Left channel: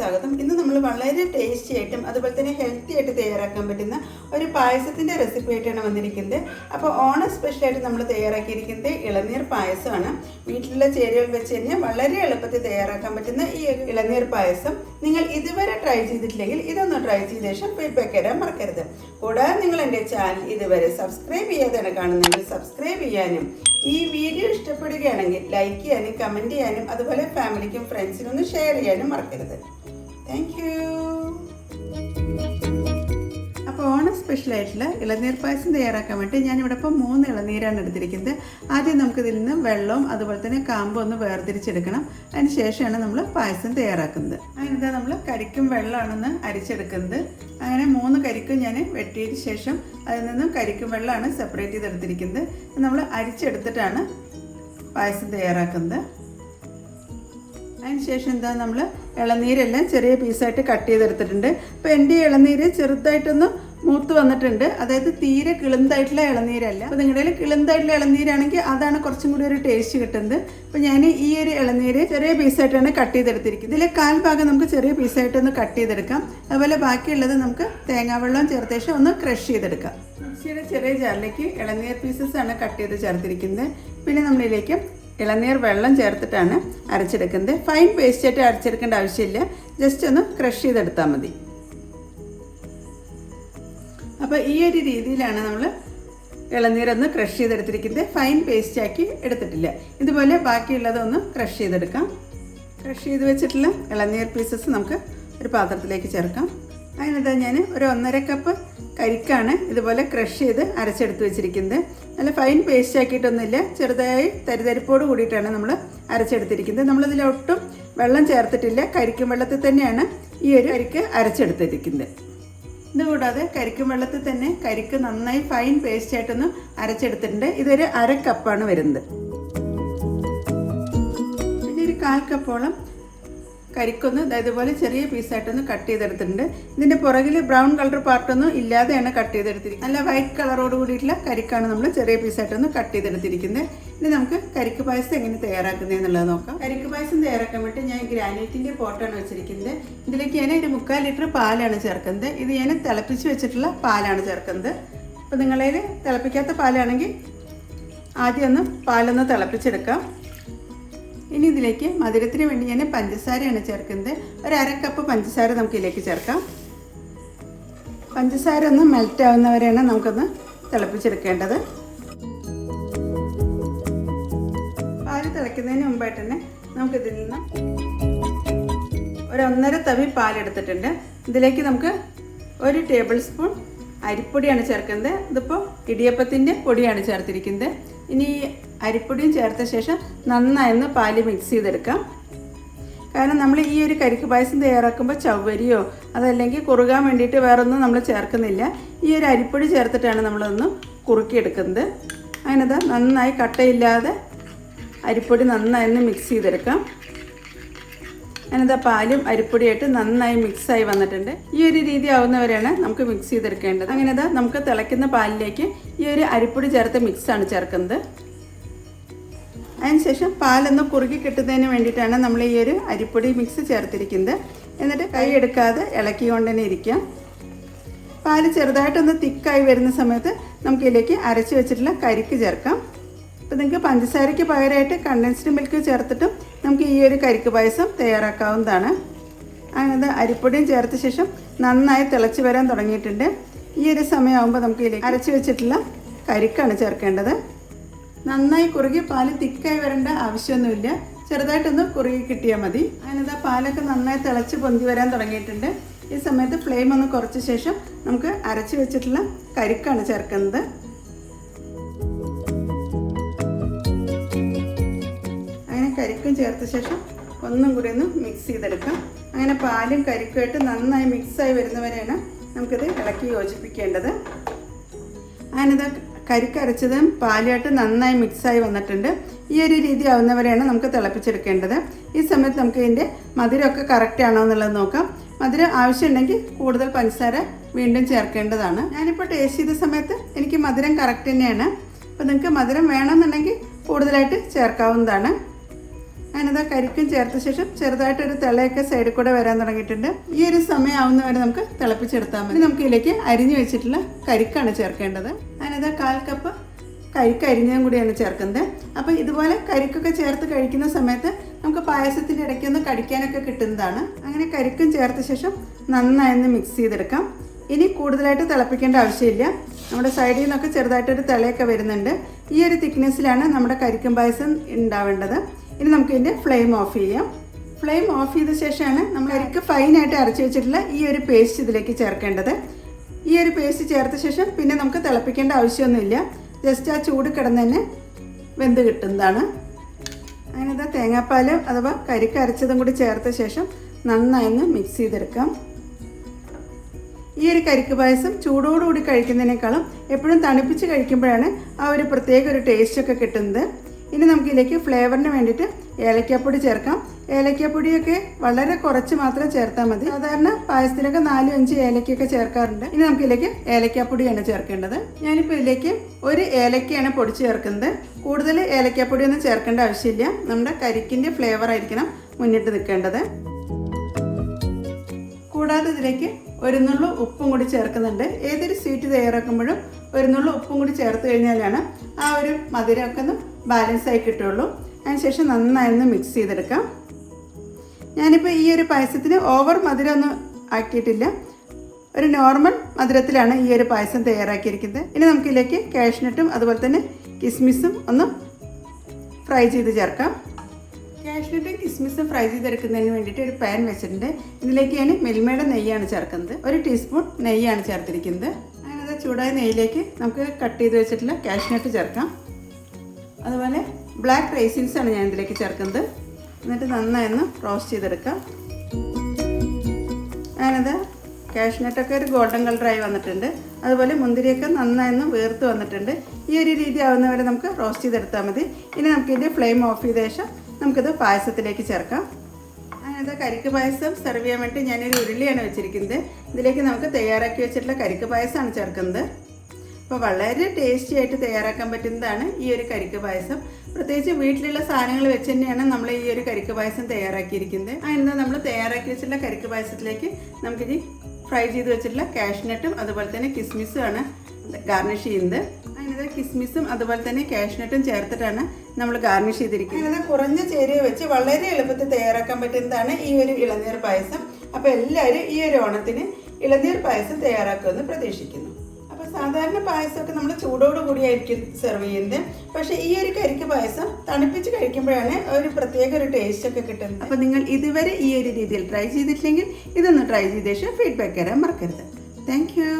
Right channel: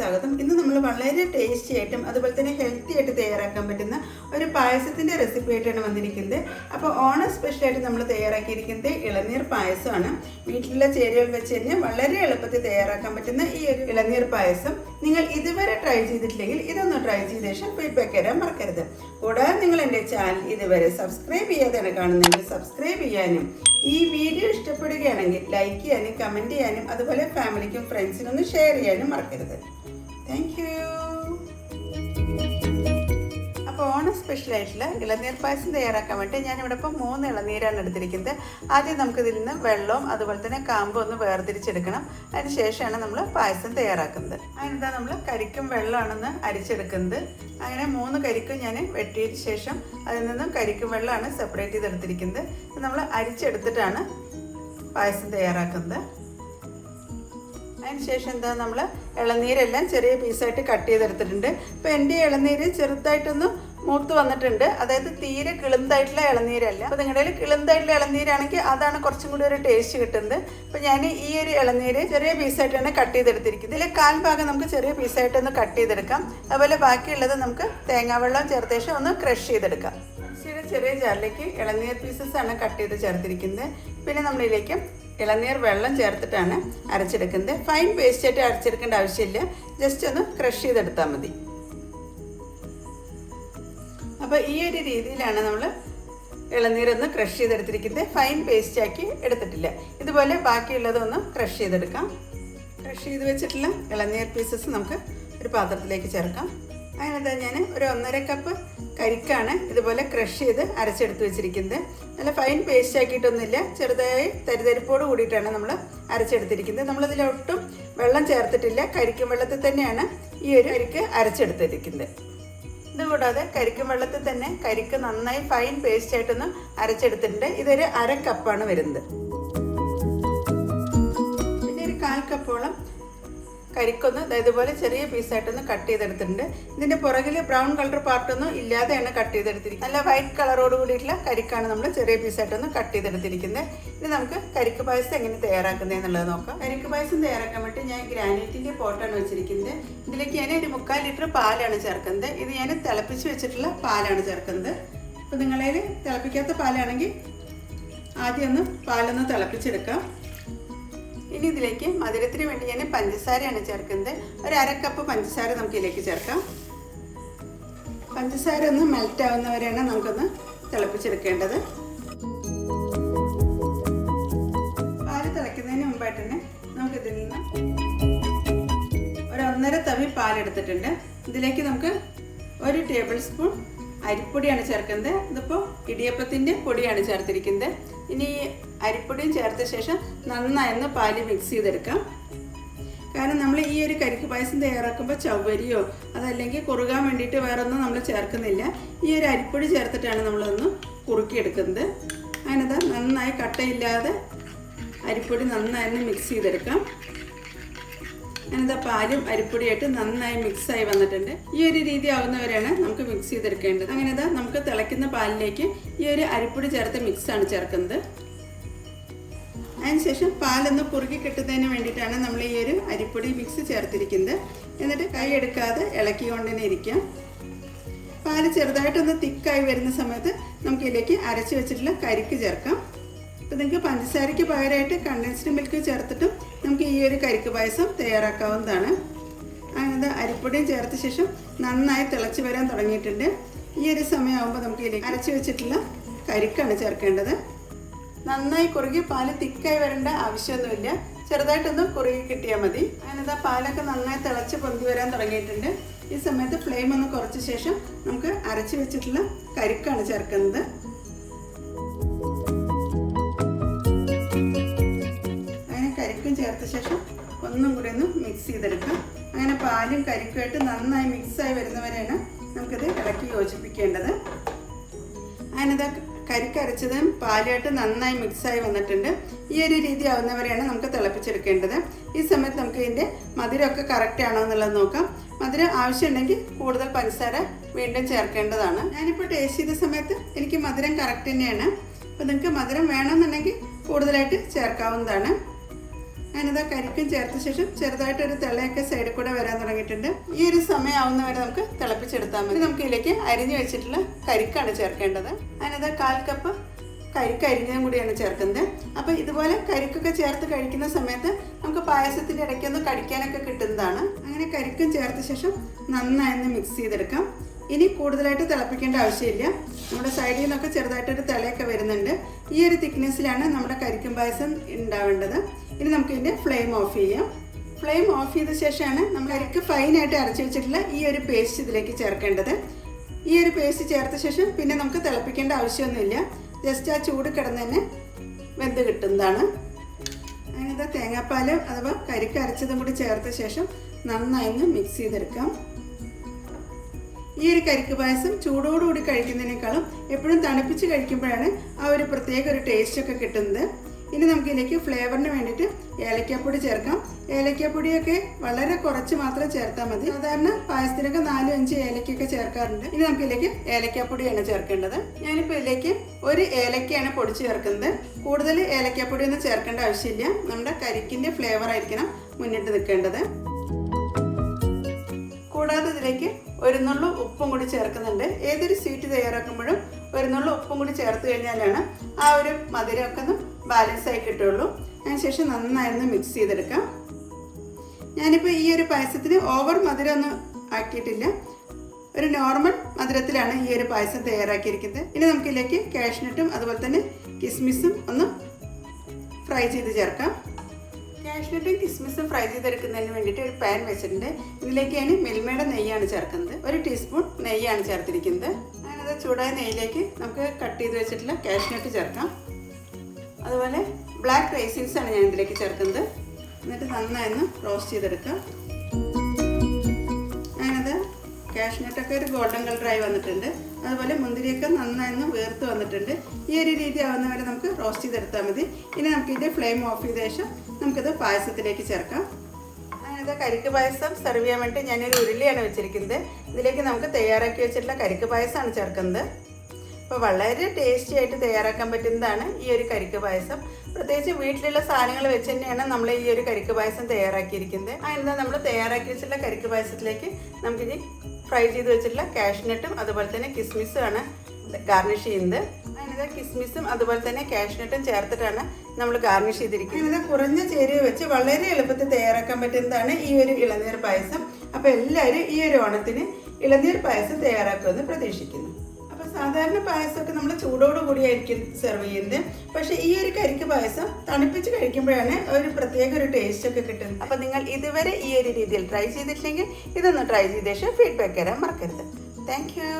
സ്വാഗതം. ഇന്ന് നമ്മൾ വളരെ ടേസ്റ്റി ആയിട്ടും അതുപോലെ തന്നെ ഹെൽത്തി ആയിട്ട് തയ്യാറാക്കാൻ പറ്റുന്ന ഒരു പായസത്തിൻ്റെ റെസിപ്പി ആയിട്ടാണ് വന്നിരിക്കുന്നത്. അപ്പോൾ ഓണം സ്പെഷ്യലായിട്ട് നമ്മൾ തയ്യാറാക്കിയിരിക്കുന്നത് ഇളനീർ പായസമാണ്. വീട്ടിലുള്ള ചേരുവകൾ വെച്ച് തന്നെ വളരെ എളുപ്പത്തിൽ തയ്യാറാക്കാൻ പറ്റുന്ന ഈ ഒരു ഇളനീർ പായസം നിങ്ങൾ ഇതുവരെ ട്രൈ ചെയ്തിട്ടില്ലെങ്കിൽ ഇതൊന്ന് ട്രൈ ചെയ്ത ശേഷം ഫീഡ്ബാക്ക് തരാൻ മറക്കരുത്. കൂടാതെ നിങ്ങൾ എൻ്റെ ചാനൽ ഇതുവരെ സബ്സ്ക്രൈബ് ചെയ്യാതെയാണ് കാണുന്നതെങ്കിൽ സബ്സ്ക്രൈബ് ചെയ്യാനും ഈ വീഡിയോ ഇഷ്ടപ്പെടുകയാണെങ്കിൽ ലൈക്ക് ചെയ്യാനും കമൻറ്റ് ചെയ്യാനും അതുപോലെ ഫാമിലിക്കും ഫ്രണ്ട്സിനും ഒന്ന് ഷെയർ ചെയ്യാനും മറക്കരുത്. Thank you. അപ്പോൾ ഓണം സ്പെഷ്യലായിട്ടുള്ള ഇളനീർ പായസം തയ്യാറാക്കാൻ വേണ്ടി ഞാനിവിടെ ഇപ്പോൾ 3 ഇളനീരാണ് എടുത്തിരിക്കുന്നത്. ആദ്യം നമുക്കിതിൽ നിന്ന് വെള്ളവും അതുപോലെ തന്നെ കാമ്പും ഒന്ന് വേർതിരിച്ചെടുക്കണം. അതിന് ശേഷമാണ് നമ്മൾ പായസം തയ്യാറാക്കുന്നത്. അതിനെന്താ നമ്മൾ കരിക്കും വെള്ളമാണെന്ന് അരിച്ചെടുക്കുന്നത്. അങ്ങനെ 3 കരിക്കും ഞാൻ വെട്ടിയതിന് ശേഷം അതിൽ നിന്നും കരിക്കും വെള്ളമാണ് സെപ്പറേറ്റ് ചെയ്തെടുത്തിരിക്കുന്നത്. നമ്മൾ അരിച്ചെടുത്തിട്ടാണ് പായസം തയ്യാറാക്കുന്നത്. അതിനുശേഷം എന്താ നമ്മൾ ഇളനീരെല്ലാം ചെറിയ പീസായിട്ട് കട്ട് ചെയ്തെടുത്തിട്ടുണ്ട്. അപ്പോൾ എൻ്റെ ഇളനീര് ചെറുതായിട്ടൊന്ന് മൂത്ത് വന്നിട്ടുണ്ട്. അതായത് തീരെ കിളുന്തായിട്ടുള്ള ഇളനീരല്ല. അപ്പോൾ നിങ്ങളുടെ കയ്യിൽ കിളുന്തായിട്ടുള്ള ഇളനീരാണെങ്കിൽ അതാണ് കുറച്ചും കൂടി ഒരു ടേസ്റ്റ് കിട്ടുന്നത്. അപ്പോൾ ഞാൻ ഈ ഒരു ഇളനീര് ചെറിയ പീസായിട്ടാണ് കട്ട് ചെയ്തെടുത്തിരിക്കുന്നത്. ഇതിൽ 1/4 ഭാഗം നമുക്ക് ചെറിയ പീസായിട്ടൊന്ന് കട്ട് ചെയ്തെടുക്കാം. അതുപോലെ ബാക്കിയുള്ളത് നമുക്ക് തേങ്ങാവെള്ളം ചേർത്ത ശേഷം ഒന്ന് ക്രഷ് ചെയ്തെടുക്കാം. ചെറിയ ജാറിലേക്ക് ഇളനീർ പീസസ് ആണ് കട്ട് ചെയ്ത് ചേർത്തിരിക്കുന്നത്. പിന്നെ നമ്മളിതിലേക്ക് ഇളനീർ വെള്ളം ചേർത്തിട്ടാണ് അരച്ചെടുക്കുന്നത്. ഫൈൻ പേസ്റ്റായിട്ട് അരച്ചെടുക്കേണ്ട ആവശ്യമില്ല, ജസ്റ്റ് ഒന്ന് ക്രഷ് ചെയ്തെടുത്താൽ മതി. അപ്പോൾ ഈ ഒരു രീതിയിലാണ് നമ്മൾ ഇളനീരൊന്ന് ക്രഷ് ചെയ്തെടുത്തിരിക്കുന്നത്. ഫൈൻ പേസ്റ്റാക്കി എടുത്തിട്ടില്ല. ഇതുപോലെ ബാക്കിയുള്ളതൊന്ന് ക്രഷ് ചെയ്തെടുക്കാം. ക്രഷ് ചെയ്ത് വെച്ചിട്ടുള്ള ഇളനീർ പീസസ് നമുക്ക് ഒരു പാത്രത്തിലേക്ക് ചേർക്കാം. അതിനെന്താ ഞാൻ ഒരു 1.5 കപ്പ് കരിക്കാണ് ഇതുപോലെ ക്രഷ് ചെയ്ത് അരച്ചെടുത്ത് വെച്ചിരിക്കുന്നത്. നല്ല ഫൈൻ പേസ്റ്റ് ആക്കിയിട്ടൊന്നുമില്ല, ചെറുതായി തരിതരിപ്പോട് കൂടിയിട്ടാണ് നമ്മൾ അരച്ചെടുത്തിരിക്കുന്നത്. നമ്മളതിലൊട്ടും വെള്ളം ചേർത്തിട്ടില്ല, കരിക്കും വെള്ളത്തിൽ തന്നെയാണ് ഈ ഒരു കരിക്ക് അരച്ചെടുത്തിരിക്കുന്നത്. ഇതുകൂടാതെ കരിക്കും വെള്ളത്തിൽ തന്നെ കരിക്ക് നന്നായി ഫൈൻ പേസ്റ്റ് ആയിട്ടൊന്ന് അരച്ചെടുത്തിട്ടുണ്ട്. ഇതൊരു 1/2 കപ്പാണ് വരുന്നത്. പിന്നെ ഒരു 1/4 കപ്പോളം കരിക്കൊന്ന് ഇതുപോലെ ചെറിയ പീസായിട്ടൊന്ന് കട്ട് ചെയ്തെടുത്തിട്ടുണ്ട്. ഇതിൻ്റെ പുറകിൽ ബ്രൗൺ കളർ പാർട്ടൊന്നും ഇല്ലാതെയാണ് കട്ട് ചെയ്തെടുത്തിരിക്കുന്നത്. നല്ല വൈറ്റ് കളറോട് കൂടിയിട്ടുള്ള കരിക്കാണ് നമ്മൾ ചെറിയ പീസായിട്ടൊന്ന് കട്ട് ചെയ്തെടുത്തിരിക്കുന്നത്. ഇനി നമുക്ക് കരിക്ക് പായസം എങ്ങനെ തയ്യാറാക്കുന്നത് എന്നുള്ളത് നോക്കാം. കരിക്ക് പായസം തയ്യാറാക്കാൻ വേണ്ടി ഞാൻ ഗ്രാനൈറ്റിൻ്റെ പോട്ടാണ് വെച്ചിരിക്കുന്നത്. ഇതിലേക്ക് ഞാൻ ഒരു 3/4 ലിറ്റർ പാലാണ് ചേർക്കുന്നത്. ഇത് ഞാൻ തിളപ്പിച്ച് വെച്ചിട്ടുള്ള പാലാണ് ചേർക്കുന്നത്. അപ്പോൾ നിങ്ങളതിൽ തിളപ്പിക്കാത്ത പാലാണെങ്കിൽ ആദ്യം ഒന്ന് പാലൊന്ന് തിളപ്പിച്ചെടുക്കാം. ഇനി ഇതിലേക്ക് മധുരത്തിന് വേണ്ടി ഞാൻ പഞ്ചസാരയാണ് ചേർക്കുന്നത്. ഒരു 1/2 കപ്പ് പഞ്ചസാര നമുക്ക് ഇതിലേക്ക് ചേർക്കാം. പഞ്ചസാര ഒന്ന് മെൽറ്റ് ആവുന്നവരെയാണ് നമുക്കൊന്ന് തിളപ്പിച്ചെടുക്കേണ്ടത്. പാല് തിളയ്ക്കുന്നതിന് മുമ്പായിട്ട് തന്നെ നമുക്കിതിൽ നിന്ന് ഒരു 1.5 തവി പാലെടുത്തിട്ടുണ്ട്. ഇതിലേക്ക് നമുക്ക് 1 ടേബിൾ സ്പൂൺ അരിപ്പൊടിയാണ് ചേർക്കുന്നത്. ഇതിപ്പോൾ ഇടിയപ്പത്തിൻ്റെ പൊടിയാണ് ചേർത്തിരിക്കുന്നത്. ഇനി ഈ അരിപ്പൊടിയും ചേർത്ത ശേഷം നന്നായി പാല് മിക്സ് ചെയ്തെടുക്കാം. കാരണം നമ്മൾ ഈ ഒരു കരിക്ക് പായസം തയ്യാറാക്കുമ്പോൾ ചവ്വരിയോ അതല്ലെങ്കിൽ കുറുകാൻ വേണ്ടിയിട്ട് വേറൊന്നും നമ്മൾ ചേർക്കുന്നില്ല. ഈ ഒരു അരിപ്പൊടി ചേർത്തിട്ടാണ് നമ്മളൊന്ന് കുറുക്കിയെടുക്കുന്നത്. അതിനത് നന്നായി കട്ടയില്ലാതെ അരിപ്പൊടി നന്നായി മിക്സ് ചെയ്തെടുക്കാം. അതിനത് പാലും അരിപ്പൊടിയായിട്ട് നന്നായി മിക്സായി വന്നിട്ടുണ്ട്. ഈ ഒരു രീതി ആവുന്നവരെയാണ് നമുക്ക് മിക്സ് ചെയ്തെടുക്കേണ്ടത്. അങ്ങനെ നമുക്ക് തിളയ്ക്കുന്ന പാലിലേക്ക് ഈ ഒരു അരിപ്പൊടി ചേർത്ത മിക്സാണ് ചേർക്കുന്നത്. അതിനുശേഷം പാലൊന്ന് കുറുകി കിട്ടുന്നതിന് വേണ്ടിയിട്ടാണ് നമ്മൾ ഈ ഒരു അരിപ്പൊടി മിക്സ് ചേർത്തിരിക്കുന്നത്. എന്നിട്ട് കൈ എടുക്കാതെ ഇളക്കിക്കൊണ്ട് തന്നെ ഇരിക്കാം. പാല് ചെറുതായിട്ടൊന്ന് തിക്കായി വരുന്ന സമയത്ത് നമുക്ക് ഇതിലേക്ക് അരച്ച് വെച്ചിട്ടുള്ള കരിക്ക് ചേർക്കാം. അപ്പോൾ നിങ്ങൾക്ക് പഞ്ചസാരയ്ക്ക് പകരമായിട്ട് കണ്ടൻസ്ഡ് മിൽക്ക് ചേർത്തിട്ടും നമുക്ക് ഈ ഒരു കരിക്ക് പായസം തയ്യാറാക്കാവുന്നതാണ്. അങ്ങനെ അരിപ്പൊടിയും ചേർത്ത ശേഷം നന്നായി തിളച്ച് വരാൻ തുടങ്ങിയിട്ടുണ്ട്. ഈ ഒരു സമയമാകുമ്പോൾ നമുക്ക് ഇതിലേക്ക് അരച്ച് വെച്ചിട്ടുള്ള കരിക്കാണ് ചേർക്കേണ്ടത്. നന്നായി കുറുകി പാല് തിക്കായി വരേണ്ട ആവശ്യമൊന്നുമില്ല, ചെറുതായിട്ടൊന്ന് കുറുകി കിട്ടിയാൽ മതി. അങ്ങനെ പാലൊക്കെ നന്നായി തിളച്ച് പൊന്തി വരാൻ തുടങ്ങിയിട്ടുണ്ട്. ഈ സമയത്ത് ഫ്ലെയിം ഒന്ന് കുറച്ച ശേഷം നമുക്ക് അരച്ച് വെച്ചിട്ടുള്ള കരിക്കാണ് ചേർക്കുന്നത്. അങ്ങനെ കരിക്കും ചേർത്ത ശേഷം ഒന്നും കൂടി ഒന്ന് മിക്സ് ചെയ്തെടുക്കാം. അങ്ങനെ പാലും കരിക്കുമായിട്ട് നന്നായി മിക്സായി വരുന്നവരെയാണ് നമുക്കിത് ഇളക്കി യോജിപ്പിക്കേണ്ടത്. അങ്ങനെ കരിക്കരച്ചതും പാലുമായിട്ട് നന്നായി മിക്സായി വന്നിട്ടുണ്ട്. ഈ ഒരു രീതി ആവുന്നവരെയാണ് നമുക്ക് തിളപ്പിച്ചെടുക്കേണ്ടത്. ഈ സമയത്ത് നമുക്ക് ഇതിൻ്റെ മധുരമൊക്കെ കറക്റ്റ് ആണോ എന്നുള്ളത് നോക്കാം. മധുരം ആവശ്യമുണ്ടെങ്കിൽ കൂടുതൽ പഞ്ചസാര വീണ്ടും ചേർക്കേണ്ടതാണ്. ഞാനിപ്പോൾ ടേസ്റ്റ് ചെയ്ത സമയത്ത് എനിക്ക് മധുരം കറക്റ്റ് തന്നെയാണ്. അപ്പോൾ നിങ്ങൾക്ക് മധുരം വേണമെന്നുണ്ടെങ്കിൽ കൂടുതലായിട്ട് ചേർക്കാവുന്നതാണ്. അതിനത് കരിക്കും ചേർത്ത ശേഷം ചെറുതായിട്ടൊരു തിളയൊക്കെ സൈഡിൽ കൂടെ വരാൻ തുടങ്ങിയിട്ടുണ്ട്. ഈ ഒരു സമയം ആവുന്ന വരെ നമുക്ക് തിളപ്പിച്ചെടുത്താൽ മതി. നമുക്ക് ഇതിലേക്ക് അരിഞ്ഞു വെച്ചിട്ടുള്ള കരിക്കാണ് ചേർക്കേണ്ടത്. അതിനത് 1/4 കപ്പ് കരിക്ക് അരിഞ്ഞതും കൂടിയാണ് ചേർക്കുന്നത്. അപ്പോൾ ഇതുപോലെ കരിക്കൊക്കെ ചേർത്ത് കഴിക്കുന്ന സമയത്ത് നമുക്ക് പായസത്തിൻ്റെ ഇടയ്ക്കൊന്ന് കടിക്കാനൊക്കെ കിട്ടുന്നതാണ്. അങ്ങനെ കരിക്കും ചേർത്ത ശേഷം നന്നായി മിക്സ് ചെയ്തെടുക്കാം. ഇനി കൂടുതലായിട്ട് തിളപ്പിക്കേണ്ട ആവശ്യമില്ല. നമ്മുടെ സൈഡിൽ നിന്നൊക്കെ ചെറുതായിട്ടൊരു തിളയൊക്കെ വരുന്നുണ്ട്. ഈ ഒരു തിക്നെസ്സിലാണ് നമ്മുടെ കരിക്കും പായസം ഉണ്ടാവേണ്ടത്. ഇനി നമുക്ക് ഇതിൻ്റെ ഫ്ലെയിം ഓഫ് ചെയ്യാം. ഫ്ലെയിം ഓഫ് ചെയ്ത ശേഷമാണ് നമ്മൾ കരിക്ക് ഫൈനായിട്ട് അരച്ച് വെച്ചിട്ടുള്ള ഈ ഒരു പേസ്റ്റ് ഇതിലേക്ക് ചേർക്കേണ്ടത്. ഈ ഒരു പേസ്റ്റ് ചേർത്ത ശേഷം പിന്നെ നമുക്ക് തിളപ്പിക്കേണ്ട ആവശ്യമൊന്നുമില്ല. ജസ്റ്റ് ആ ചൂട് കിടന്ന് തന്നെ വെന്ത് കിട്ടുന്നതാണ്. അങ്ങനെ തേങ്ങാപ്പാൽ അഥവാ കരിക്ക് അരച്ചതും കൂടി ചേർത്ത ശേഷം നന്നായി മിക്സ് ചെയ്തെടുക്കാം. ഈ ഒരു കരിക്ക് പായസം ചൂടോടുകൂടി കഴിക്കുന്നതിനേക്കാളും എപ്പോഴും തണുപ്പിച്ച് കഴിക്കുമ്പോഴാണ് ആ ഒരു പ്രത്യേക ഒരു ടേസ്റ്റൊക്കെ കിട്ടുന്നത്. ഇനി നമുക്കിതിലേക്ക് ഫ്ലേവറിന് വേണ്ടിയിട്ട് ഏലക്കാപ്പൊടി ചേർക്കാം. ഏലക്കാപ്പൊടിയൊക്കെ വളരെ കുറച്ച് മാത്രം ചേർത്താൽ മതി. സാധാരണ പായസത്തിലൊക്കെ 4-5 ഏലക്കൊക്കെ ചേർക്കാറുണ്ട്. ഇനി നമുക്കിതിലേക്ക് ഏലക്കാപ്പൊടിയാണ് ചേർക്കേണ്ടത്. ഞാനിപ്പോൾ ഇതിലേക്ക് 1 ഏലക്കയാണ് പൊടിച്ച് ചേർക്കുന്നത്. കൂടുതൽ ഏലക്കാപ്പൊടിയൊന്നും ചേർക്കേണ്ട ആവശ്യമില്ല. നമ്മുടെ കരിക്കിൻ്റെ ഫ്ലേവർ ആയിരിക്കണം മുന്നിട്ട് നിൽക്കേണ്ടത്. കൂടാതെ ഇതിലേക്ക് 1 നുള്ളു ഉപ്പും കൂടി ചേർക്കുന്നുണ്ട്. ഏതൊരു സ്വീറ്റ് തയ്യാറാക്കുമ്പോഴും 1 നുള്ളു ഉപ്പും കൂടി ചേർത്ത് കഴിഞ്ഞാലാണ് ആ ഒരു മധുരമൊക്കെ ഒന്ന് ബാലൻസ് ആയി കിട്ടുള്ളൂ. അതിനുശേഷം നന്നായി മിക്സ് ചെയ്തെടുക്കാം. ഞാനിപ്പോൾ ഈ ഒരു പായസത്തിന് ഓവർ മധുരമൊന്നും ആക്കിയിട്ടില്ല. ഒരു നോർമൽ മധുരത്തിലാണ് ഈ ഒരു പായസം തയ്യാറാക്കിയിരിക്കുന്നത്. ഇനി നമുക്കിതിലേക്ക് കാഷ്നട്ടും അതുപോലെ തന്നെ കിസ്മിസും ഒന്ന് ഫ്രൈ ചെയ്ത് ചേർക്കാം. കാഷ്നട്ടും കിസ്മിസും ഫ്രൈ ചെയ്തെടുക്കുന്നതിന് വേണ്ടിയിട്ട് ഒരു പാൻ വെച്ചിട്ടുണ്ട്. ഇതിലേക്ക് ഞാൻ മിൽമയുടെ നെയ്യാണ് ചേർക്കുന്നത്. 1 ടീസ്പൂൺ നെയ്യാണ് ചേർത്തിരിക്കുന്നത്. അതിനകത്ത് ചൂടായ നെയ്യിലേക്ക് നമുക്ക് കട്ട് ചെയ്ത് വെച്ചിട്ടുള്ള കാഷ്നട്ട് ചേർക്കാം. അതുപോലെ ബ്ലാക്ക് റൈസിൻസ് ആണ് ഞാൻ ഇതിലേക്ക് ചേർക്കുന്നത്. എന്നിട്ട് നന്നായി റോസ്റ്റ് ചെയ്തെടുക്കാം. ഞാനത് കാഷ്നട്ടൊക്കെ ഒരു ഗോൾഡൻ കളറായി വന്നിട്ടുണ്ട്. അതുപോലെ മുന്തിരിയൊക്കെ നന്നായി വേർത്ത് വന്നിട്ടുണ്ട്. ഈ ഒരു രീതി ആവുന്നവരെ നമുക്ക് റോസ്റ്റ് ചെയ്തെടുത്താൽ മതി. ഇനി നമുക്കിതിൻ്റെ ഫ്ലെയിം ഓഫ് ചെയ്ത ശേഷം നമുക്കിത് പായസത്തിലേക്ക് ചേർക്കാം. ഞാനിത് കരിക്ക് പായസം സെർവ് ചെയ്യാൻ വേണ്ടി ഞാനൊരു ഉരുളിയാണ് വെച്ചിരിക്കുന്നത്. ഇതിലേക്ക് നമുക്ക് തയ്യാറാക്കി വെച്ചിട്ടുള്ള കരിക്ക് പായസമാണ് ചേർക്കുന്നത്. അപ്പോൾ വളരെ ടേസ്റ്റി ആയിട്ട് തയ്യാറാക്കാൻ പറ്റുന്നതാണ് ഈ ഒരു കരിക്ക് പായസം. പ്രത്യേകിച്ച് വീട്ടിലുള്ള സാധനങ്ങൾ വെച്ച് തന്നെയാണ് നമ്മൾ ഈ ഒരു കരിക്ക് പായസം തയ്യാറാക്കിയിരിക്കുന്നത്. അതിന് നമ്മൾ തയ്യാറാക്കി വെച്ചിട്ടുള്ള കരിക്ക് പായസത്തിലേക്ക് നമുക്കിനി ഫ്രൈ ചെയ്ത് വെച്ചിട്ടുള്ള കാഷ്നട്ടും അതുപോലെ തന്നെ കിസ്മിസും ആണ് ഗാർണിഷ് ചെയ്യുന്നത്. അതിനകത്ത് കിസ്മിസും അതുപോലെ തന്നെ കാഷ്നട്ടും ചേർത്തിട്ടാണ് നമ്മൾ ഗാർണിഷ് ചെയ്തിരിക്കുന്നത്. അങ്ങനെ കുറഞ്ഞ ചേരുവ വെച്ച് വളരെ എളുപ്പത്തിൽ തയ്യാറാക്കാൻ പറ്റുന്നതാണ് ഈ ഒരു ഇളനീർ പായസം. അപ്പോൾ എല്ലാവരും ഈ ഒരു ഓണത്തിന് ഇളനീർ പായസം തയ്യാറാക്കുമെന്ന് പ്രതീക്ഷിക്കുന്നു. സാധാരണ പായസമൊക്കെ നമ്മൾ ചൂടോടുകൂടിയായിരിക്കും സെർവ് ചെയ്യുന്നത്. പക്ഷേ ഈ ഒരു കരിക്ക് പായസം തണുപ്പിച്ച് കഴിക്കുമ്പോഴാണ് ഒരു പ്രത്യേക ഒരു ടേസ്റ്റ് ഒക്കെ കിട്ടുന്നത്. അപ്പോൾ നിങ്ങൾ ഇതുവരെ ഈ ഒരു രീതിയിൽ ട്രൈ ചെയ്തിട്ടില്ലെങ്കിൽ ഇതൊന്ന് ട്രൈ ചെയ്ത ശേഷം ഫീഡ്ബാക്ക് തരാൻ മറക്കരുത്. Thank you.